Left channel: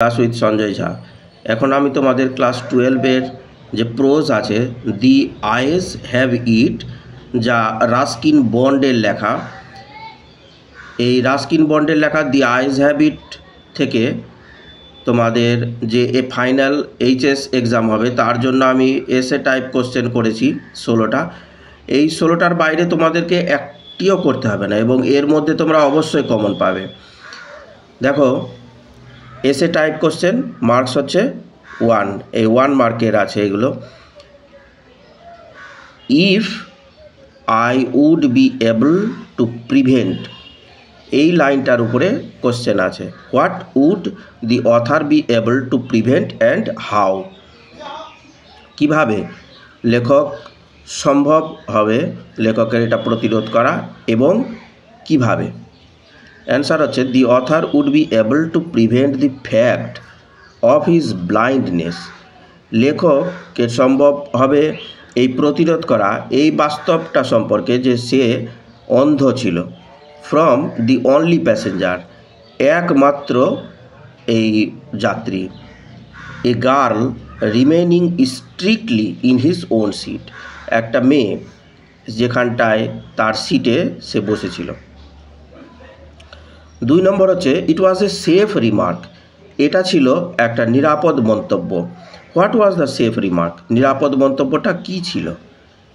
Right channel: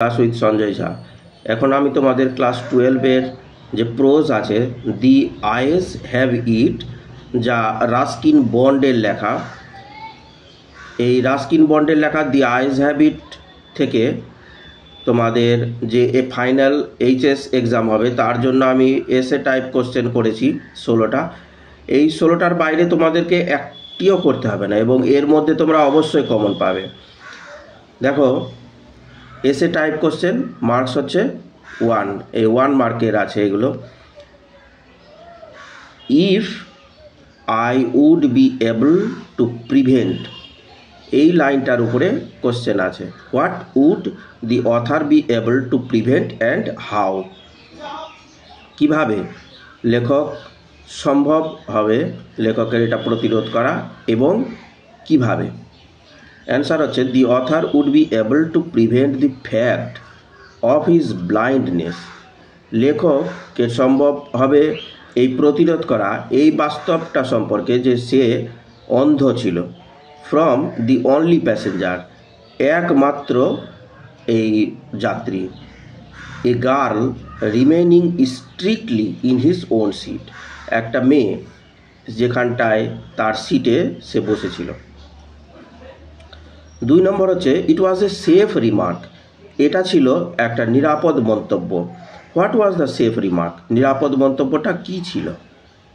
Class with Sanjay ঝা। এখন আমি তোমাদের ক্লাস 12-এর যে প্রোজ আছে দি আইস হ্যাভ ইট, যা রাস্কিন বন্ডের লেখা। এই রাস্কিন বন্ডের লেখা দি আইস হ্যাভ ইট থেকে তোমাদের যে ফাইনাল এইচএস এক্সাম হবে তার জন্য আমি এসে টাইপ কোশ্চেন করেছি 16টা। এই 16টার বাইরে তোমাদেরকে একটিও করতে হবে না এবং এর মধ্যে তোমরা অবশ্যই কমন পাবে। দেখো, এসে টাইপ কোশ্চেন মার্কস হচ্ছে 1, এই 1 মার্কের আছে এগুলো। If I would be able to prevent, এই লাইনটার উপরে কোশ্চেন আছে। What would the author be able to prevent and how, কিভাবে লেখক সম্ভব হবে লেখকের এটা প্রতিরোধ করা এবং কিভাবে। অ্যান্সার হচ্ছে the author would be able to prevent the fact of his blindness, লেখককে সম্ভব হবে এই প্রতিরোধ করা এই বাস্তবটা সম্পর্কে যে সে অন্ধ ছিল। ফ্রম দি অনলি প্যাসেঞ্জার, একমাত্র এই যাত্রী। A girl remaining strictly in his own seat, একটা মেয়ে যেখানটায় তার সিটে সে বসেছিল। 2 নম্বর হচ্ছে ইট ওয়াজ এ সেফ রিমার্ক, এটা ছিল একটা নিরাপদ মন্তব্য। What was the safe remark, নিরাপদ মন্তব্যটা কি ছিল।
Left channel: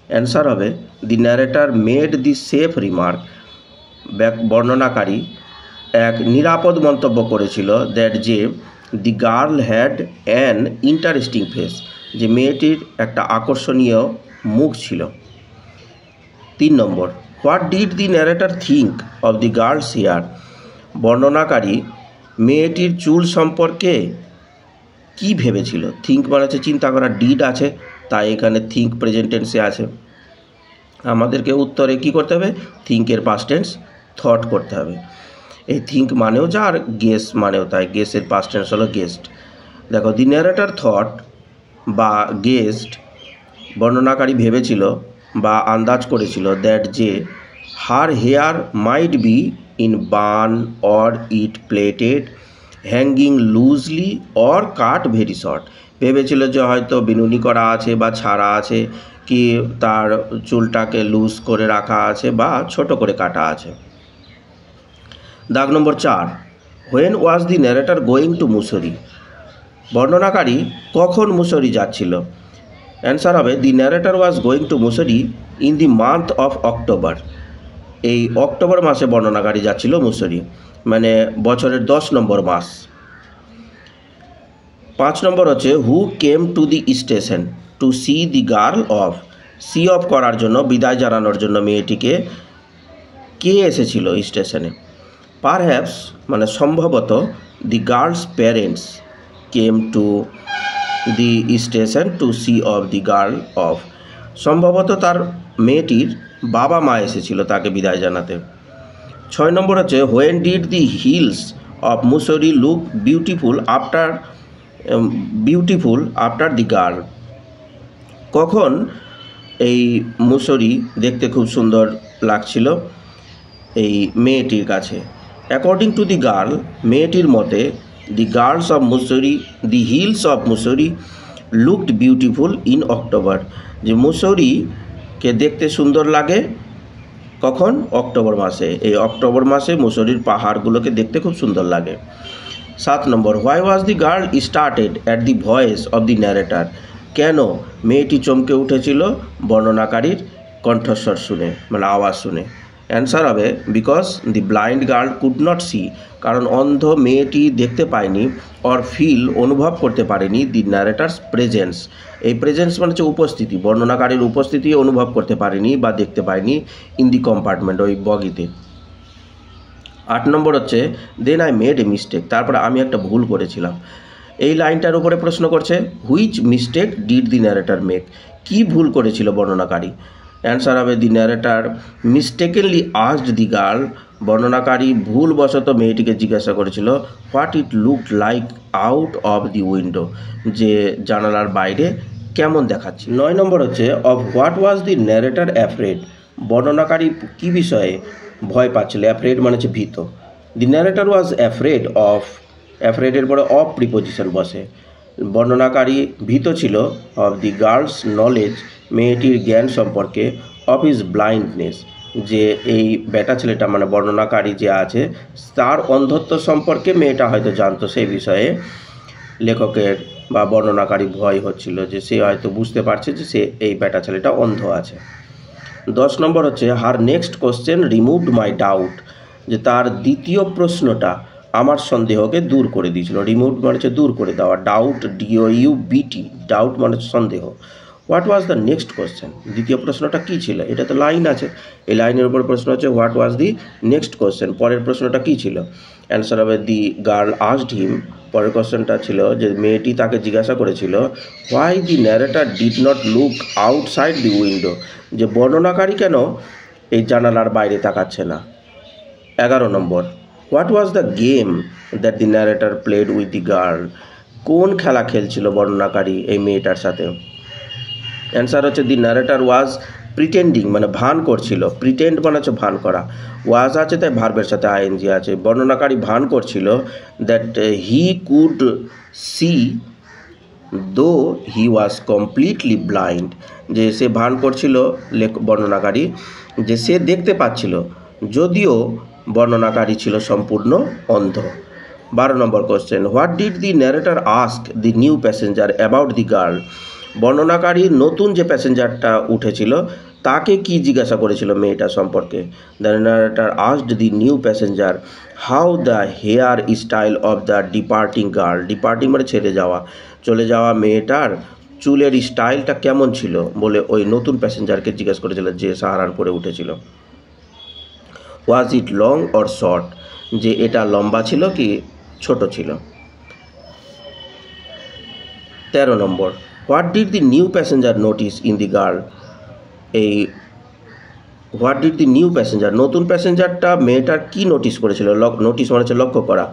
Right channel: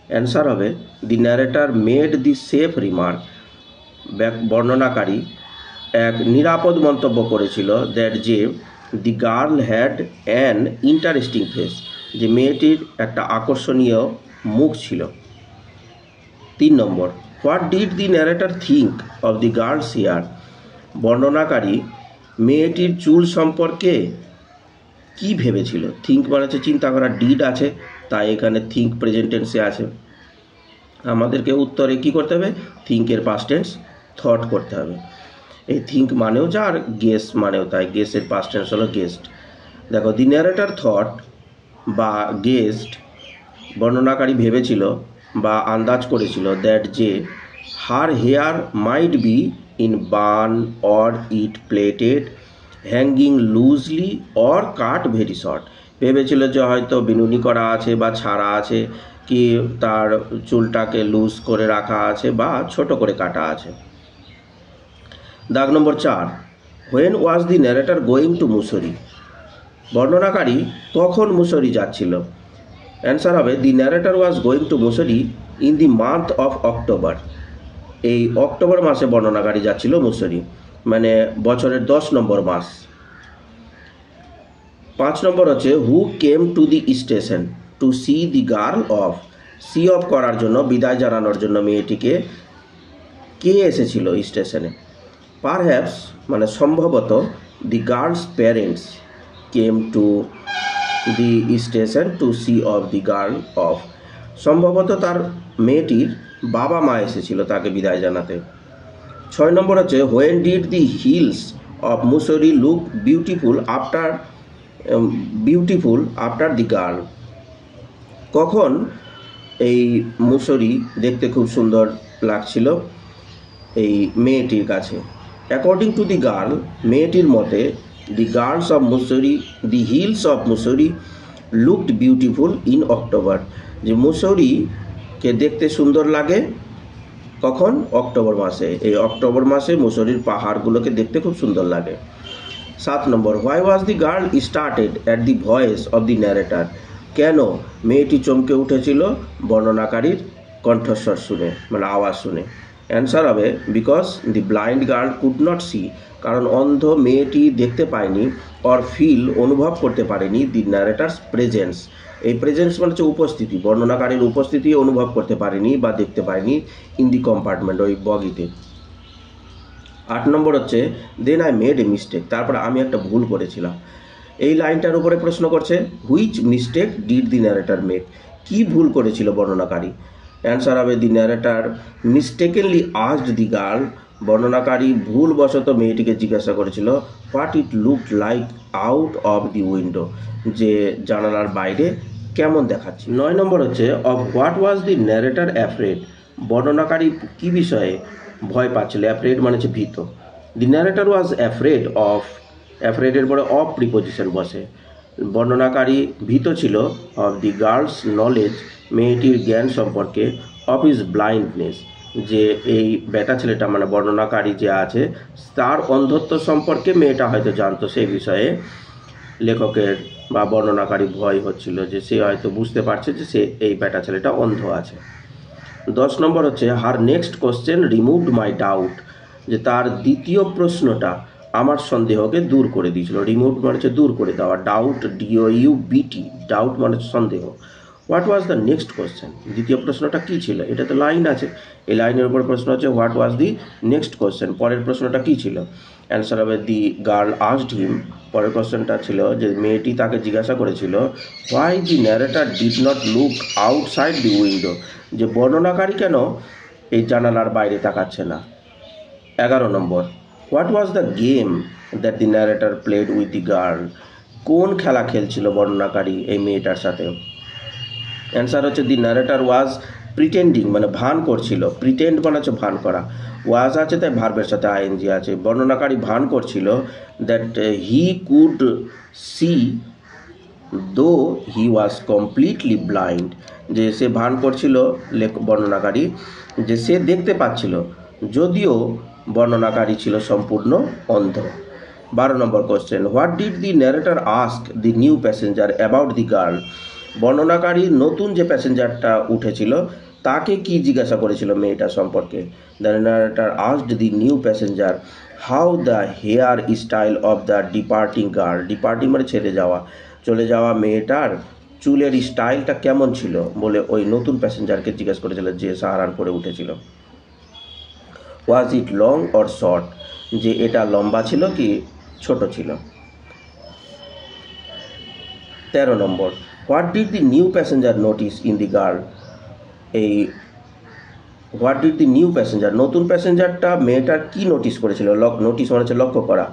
অ্যান্সার হবে the narrator made the safe remark, বর্ণনাকারী এক নিরাপদ মন্তব্য করেছিল দ্যাট যে the girl had an interesting face, যে মেয়েটির একটা আকর্ষণীয় মুখ ছিল। 3 নম্বর what did the narrator think of the girl's hair, বর্ণনাকারী মেয়েটির চুল সম্পর্কে কি ভেবেছিল। থিঙ্ক মানে হচ্ছে চিন্তা করা, ডিড আছে তাই এখানে থিঙ্ক প্রেজেন্ট টেন্সে আছে। আমাদেরকে উত্তরে কি করতে হবে, থিঙ্কের পাস্ট টেন্স থট করতে হবে। এই থিঙ্ক মানেও যা আর গেস মানেও তাই, গেসের পাস্ট টেন্স হলো গেস্ট। দেখো, দি ন্যারেটর থট বা গেস্ট, বর্ণনাকারী ভেবেছিল বা আন্দাজ করেছিল দ্যাট যে her hair might be in bun or it plaited hanging loosely or cut very short, ভেবেছিল যে হয়তো বিনুনি করা আছে বা ছাড়া আছে, কি তার চুলটাকে লুজ করে রাখা আছে বা ছোট করে কাটা আছে। দাগ নম্বর 4, when was the narrator going to Mussoorie, বর্ণনাকারী কখন মুসৌরি যাচ্ছিল। অ্যান্সার হবে the narrator was going to Mussoorie in the month of October, এই অক্টোবর মাসে বর্ণনাকারী যাচ্ছিল মুসৌরি, মানে বছরের 10 নম্বর মাস। 5 নম্বর হচ্ছে who came to the station to see the girl off, see off করার জন্য, বিদায় জানানোর জন্য মেয়েটিকে কে এসেছিল স্টেশনে। পারহ্যাপস মানে সম্ভবত the girl's parents came to the station to see off the girl off, সম্ভবত তার মেয়েটির বাবা মা এসেছিল তাকে বিদায় জানাতে। 6 নম্বর হচ্ছে when did the hills of Mussoorie look beautiful after the girl, কখন এই মুসৌরি দেখতে খুব সুন্দর লাগছিল এই মেয়েটির কাছে। অ্যাকর্ডিং টু দি গার্ল, মেয়েটির মতে the girls of Mussoorie, the hills of Mussoorie looked beautiful in October, যে মুসৌরিকে দেখতে সুন্দর লাগে কখন, অক্টোবর মাসে। এই অক্টোবর মাসে মুসৌরির পাহাড়গুলোকে দেখতে খুব সুন্দর লাগে। 7 নম্বর why was the girl started at the voice of the narrator, কেন মেয়েটি চমকে উঠেছিল বর্ণনাকারীর কণ্ঠস্বর শুনে, মানে আওয়াজ শুনে। অ্যান্সার হবে because the blind girl could not see, কারণ অন্ধ মেয়েটি দেখতে পায়নি, অর ফিল অনুভব করতে পারেনি দি ন্যারেটার্স প্রেজেন্স, এই প্রেজেন্স মানে হচ্ছে উপস্থিতি, বর্ণনাকারীর উপস্থিতি অনুভব করতে পারেনি বা দেখতে পায়নি ইন দি কম্পার্টমেন্ট, ওই বগিতে। 8 নম্বর হচ্ছে then I made a mistake, তারপরে আমি একটা ভুল করেছিলাম। এই লাইনটার উপরে প্রশ্ন করছে which mistake did the narrator make, কি ভুল করেছিল বর্ণনাকারী। অ্যান্সার হবে the narrator mistakenly asked the girl, বর্ণনাকারী ভুলবশত মেয়েটিকে জিজ্ঞাসা করেছিল what it looked like out of the window, যে জানালার বাইরে কেমন দেখাচ্ছে। 9 নম্বর হচ্ছে of what was the narrator afraid, বর্ণনাকারী কি বিষয়ে ভয় পাচ্ছিল। অ্যাফ্রেড মানে হচ্ছে ভীত। The narrator was afraid of অ্যাফ্রেডের পরে অফ প্রিপোজিশন বসে। বর্ণনাকারী ভীত ছিল অফ দি গার্লস নলেজ, মেয়েটির জ্ঞান সম্পর্কে, অফ হিজ ব্লাইন্ডনেস, যে এই বেটা ছেলেটা মানে বর্ণনাকারী যে আছে তার অন্ধত্ব সম্পর্কে মেয়েটা হয়তো জানতো, সেই বিষয়ে লেখকের বা বর্ণনাকারী ভয় হচ্ছিল যে সে হয়তো বুঝতে পারছে যে সে এই বেটা ছেলেটা অন্ধ আছে। 10 নম্বর হচ্ছে হার নেক্সট কোশ্চেন রিমুভড মাই ডাউট, যে তার দ্বিতীয় প্রশ্নটা আমার সন্দেহকে দূর করে দিয়েছিল। রিমুভড মানে হচ্ছে দূর করে দেওয়া, ডাউট DOUBT, ডাউট মানে সন্দেহ। What was the next question, দ্বিতীয় প্রশ্নটা কী ছিল? এটা তো লাইন আছে, এই লাইনের উপর প্রশ্ন হচ্ছে what was the next question, পরের প্রশ্নটা কী ছিল? অ্যান্সার হবে দি গার্ল আস্কড হিম, পরের কোশ্চেনটা ছিল যে মেয়েটি তাকে জিজ্ঞাসা করেছিল why the narrator did not look outside the window, যে বর্ণনাকারী কেন এই জানালার বাইরে তাকাচ্ছে না। 11 নম্বর what was the game that the narrator played with the girl, কোন খেলা খেলছিল বর্ণনাকারী এই মেয়েটার সাথে? অ্যান্সার হচ্ছে দি ন্যারেটর ওয়াজ প্রিটেন্ডিং, মানে ভান করছিল। প্রিটেন্ড মানে হচ্ছে ভান করা, ওয়াজ আছে তাই ভার্বের সাথে আইএনজি আছে। বর্ণনাকারী ভান করছিল দ্যাট হি কুড সি দো হি ওয়াজ কমপ্লিটলি ব্লাইন্ড, যে সে ভান করছিল বর্ণনাকারী যে সে দেখতে পাচ্ছিল যদিও বর্ণনাকারী ছিল সম্পূর্ণ অন্ধ। 12 নম্বর question what did the narrator ask the new passenger about the girl, বর্ণনাকারী নতুন যে প্যাসেঞ্জারটা উঠেছিল তাকে কি জিজ্ঞাসা করেছিল মেয়েটা সম্পর্কে? The narrator asked the new passenger how the hair style of the departing girl, departing মানে ছেড়ে যাওয়া, চলে যাওয়া মেয়েটার চুলের স্টাইলটা কেমন ছিল বলে ওই নতুন প্যাসেঞ্জারকে জিজ্ঞাসা করেছিল যে সাহারানপুরে উঠেছিল। Was it long or short, যে এটা লম্বা ছিল কি ছোট ছিল। 13 নম্বর what did the new passenger notice in the girl, এই what did the new passenger, নতুন প্যাসেঞ্জারটা মেয়েটার কি নোটিস করেছিল? নোটিস মানে হচ্ছে লক্ষ্য করা।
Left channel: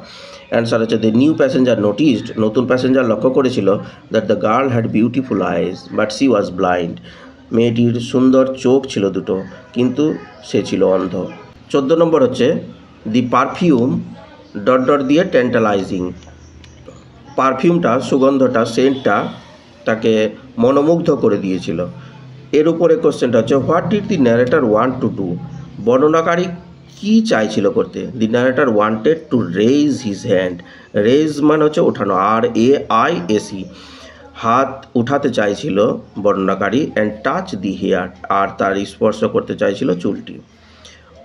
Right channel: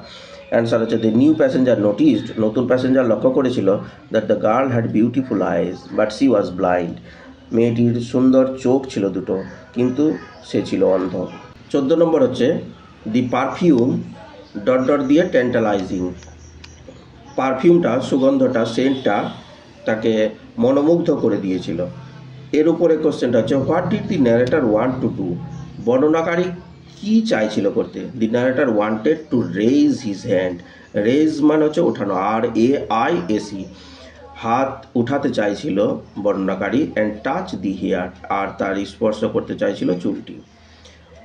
অ্যান্সার হচ্ছে দ্য নিউ প্যাসেঞ্জার নোটিসড, নতুন প্যাসেঞ্জার লক্ষ্য করেছিল that the girl had beautiful eyes but C was blind, মেয়েটির সুন্দর চোখ ছিল দুটো কিন্তু সে ছিল অন্ধ। 14 নম্বর হচ্ছে দি পারফিউম ... দিয়ে ট্যান্টালাইজিং, পারফিউমটা সুগন্ধটা সেন্টটা তাকে মনোমুগ্ধ করে দিয়েছিল। এর উপরে কোশ্চেনটা হচ্ছে what did the narrator want to do, বর্ণনাকারী কি চাইছিল করতে? The narrator wanted to raise his hand, raise মানে হচ্ছে ওঠানো, RAISE, হাত উঠাতে চাইছিল বর্ণনাকারী, অ্যান্ড টাচ দি হেয়ার, আর তার স্পর্শ করতে চাইছিল চুলটি।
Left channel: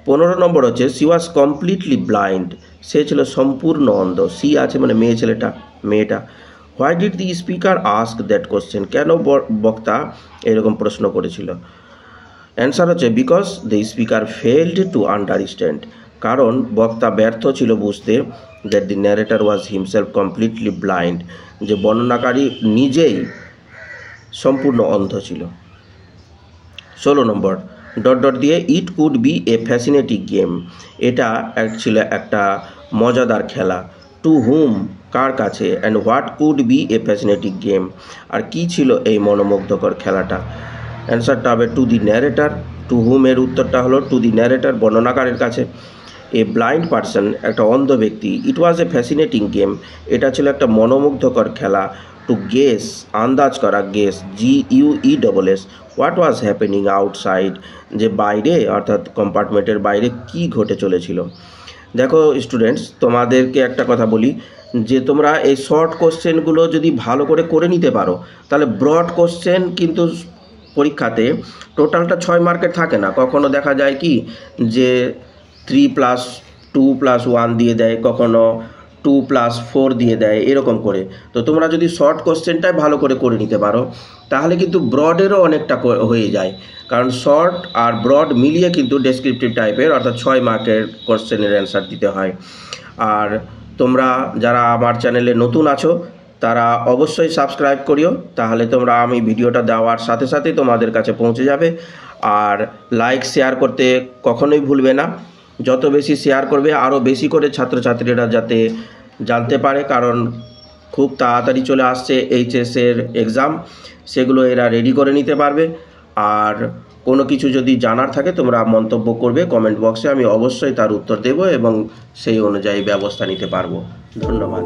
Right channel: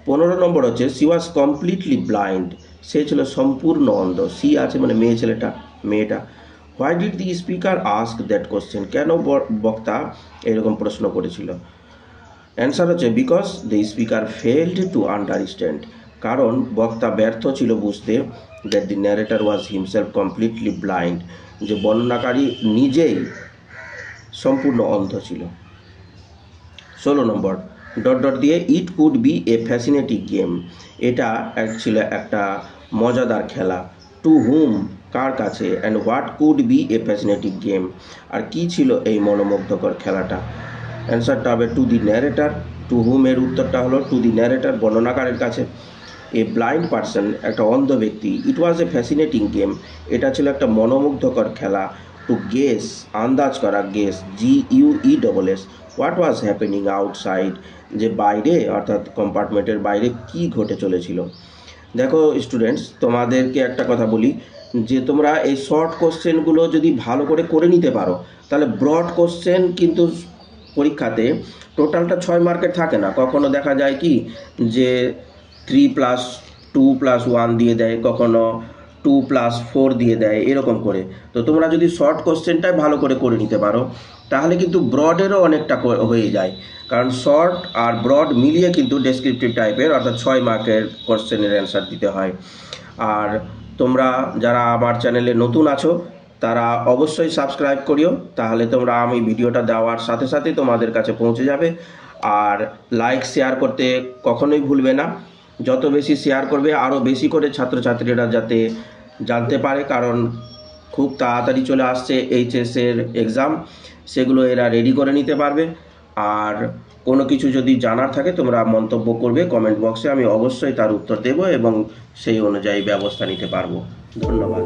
15 নম্বর হচ্ছে সি ওয়াজ কমপ্লিটলি ব্লাইন্ড, সে ছিল সম্পূর্ণ অন্ধ। সি আছে মানে মেয়েটা। Why did the speaker ask that question, কেন বক্তা এরকম প্রশ্ন করেছিল? অ্যান্সার হচ্ছে because the speaker failed to understand, কারণ বক্তা ব্যর্থ ছিল বুঝতে that the narrator was himself completely blind, যে বর্ণনাকারী নিজেই সম্পূর্ণ অন্ধ ছিল। 16 নম্বর দিয়ে it could be a fascinating game, এটা ছিল একটা মজাদার খেলা। টু হুম, কার কাছে, and what could be a fascinating game, আর কি ছিল এই মনোমুগ্ধকর খেলাটা? অ্যান্সারটা হবে to the narrator. To whom এর উত্তরটা হলো টু দি ন্যারেটর, বর্ণনাকারের কাছে। এ ব্লাইন্ড পারসন, একটা অন্ধ ব্যক্তি। ইট ওয়াজ এ ফ্যাসিনেটিং গেম, এটা ছিল একটা মনোমুগ্ধকর খেলা। টু গেস, আন্দাজ করা, guess GUESS। What was happening outside, যে বাইরে অর্থাৎ কম্পার্টমেন্টের বাইরে কি ঘটে চলেছিল। দেখো স্টুডেন্টস, তোমাদেরকে একটা কথা বলি, যে তোমরা এই শর্ট কোশ্চেনগুলো যদি ভালো করে নিতে পারো তাহলে ব্রড কোশ্চেন কিন্তু পরীক্ষাতে টোটালটা 6 মার্কের থাকে না। কখনো দেখা যায় কি যে 3+2+1 দিয়ে দেয়, কখনো 2+4 দিয়ে দেয়, এরকম করে। তো তোমরা যদি শর্ট কোশ্চেনটাই ভালো করে নিতে পারো তাহলে কিন্তু ব্রডেরও অনেকটা হয়ে যায়, কারণ শর্ট আর ব্রড মিলিয়ে কিন্তু ডেসক্রিপটিভ টাইপের অর্থাৎ 6 মার্কের কোশ্চেনের অ্যান্সার দিতে হয়। আর তোমরা যারা আমার চ্যানেলে নতুন আছো তারা অবশ্যই সাবস্ক্রাইব করিও, তাহলে তোমরা আমি ভিডিওটা দেওয়ার সাথে সাথে তোমাদের কাছে পৌঁছে যাবে। আর লাইক শেয়ার করতে কখনোই ভুলবে না, যত বেশি শেয়ার করবে আরও বেশি করে ছাত্রছাত্রীরা যাতে জানতে পারে, কারণ খুব তাড়াতাড়ি চলে আসছে এইচএসের এক্সাম, সেগুলো এরা রেডি করে নিতে পারবে। আর কোনো কিছু যদি জানার থাকে তোমরা মন্তব্য করবে কমেন্ট বক্সে, আমি অবশ্যই তার উত্তর দেব এবং সেই অনুযায়ী ব্যবস্থা নিতে পারবো। ধন্যবাদ।